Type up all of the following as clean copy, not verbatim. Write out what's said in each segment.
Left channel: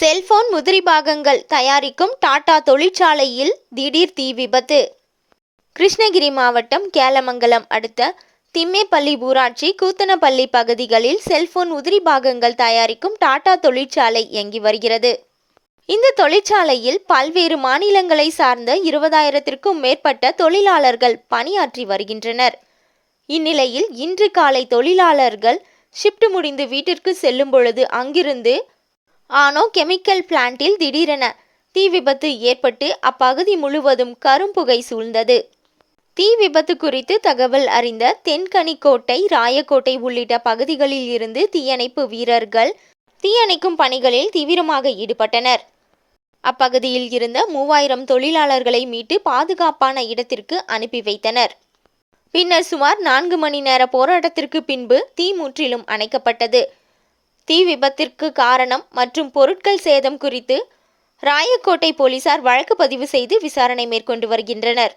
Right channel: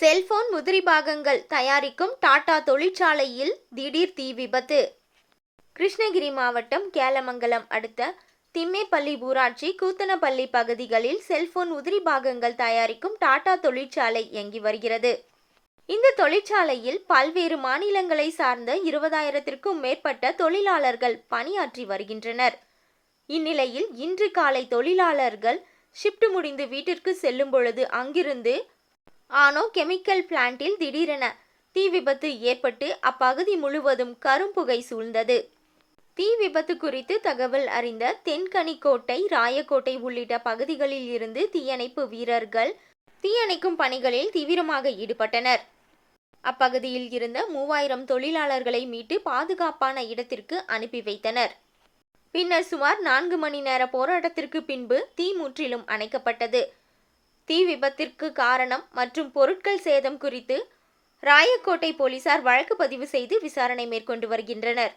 Cellphone முதிரி பாகங்கள் தயாரிக்கும் டாடா தொழிற்சாலையில் திடீர் தீ விபத்து. கிருஷ்ணகிரி மாவட்டம் கேலமங்கலம் அடுத்த திம்மேப்பள்ளி ஊராட்சி கூத்தனப்பள்ளி பகுதிகளில் செல்போன் உதிரி பாகங்கள் தயாரிக்கும் டாடா தொழிற்சாலை இயங்கி வருகிறது. இந்த தொழிற்சாலையில் பல்வேறு மாநிலங்களை சார்ந்த 20,000க்கும் மேற்பட்ட தொழிலாளர்கள் பணியாற்றி வருகின்றனர். இந்நிலையில் இன்று காலை தொழிலாளர்கள் ஷிப்ட் முடிந்து வீட்டிற்கு செல்லும் பொழுது அங்கிருந்து ஆனோ கெமிக்கல் பிளான்ட்டில் திடீரென தீ விபத்து ஏற்பட்டு அப்பகுதி முழுவதும் கரும்புகை சூழ்ந்தது. தீ விபத்து குறித்து தகவல் அறிந்த தென்கனிக்கோட்டை, ராயக்கோட்டை உள்ளிட்ட பகுதிகளில் இருந்து தீயணைப்பு வீரர்கள் தீயணைக்கும் பணிகளில் தீவிரமாக ஈடுபட்டனர். அப்பகுதியில் இருந்த 3000 தொழிலாளர்களை மீட்டு பாதுகாப்பான இடத்திற்கு அனுப்பி வைத்தனர். பின்னர் சுமார் 4 மணி நேர போராட்டத்திற்கு பின்பு தீ முற்றிலும் அணைக்கப்பட்டது. தீ விபத்திற்கு காரணம் மற்றும் பொருட்கள் சேதம் குறித்து ராயக்கோட்டை போலீசார் வழக்கு பதிவு செய்து விசாரணை மேற்கொண்டு வருகின்றனர்.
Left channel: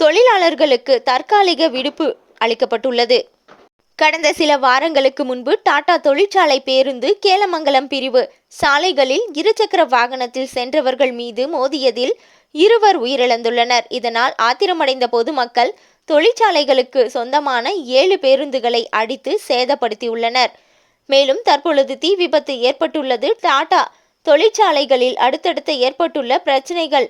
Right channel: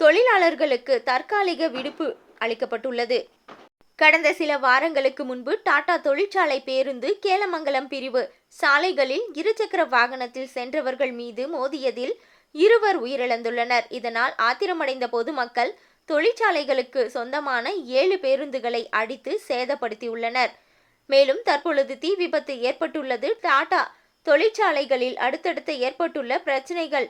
தொழிலாளர்களுக்கு தற்காலிக விடுப்பு அளிக்கப்பட்டுள்ளது. கடந்த சில வாரங்களுக்கு முன்பு டாடா தொழிற்சாலை பேருந்து கேலமங்கலம் பிரிவு சாலைகளில் இருசக்கர வாகனத்தில் சென்றவர்கள் மீது மோதியதில் 2 உயிரிழந்துள்ளனர். இதனால் ஆத்திரமடைந்த பொதுமக்கள் தொழிற்சாலைகளுக்கு சொந்தமான 7 பேருந்துகளை அடித்து சேதப்படுத்தியுள்ளனர். மேலும் தற்பொழுது தீ விபத்து ஏற்பட்டுள்ளது. டாடா தொழிற்சாலைகளில் அடுத்தடுத்து ஏற்பட்டுள்ள பிரச்சனைகள்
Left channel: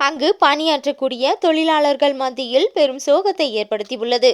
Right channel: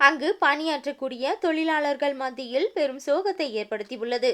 அங்கு பணியாற்றக்கூடிய தொழிலாளர்கள் மத்தியில் பெரும் சோகத்தை ஏற்படுத்தியுள்ளது.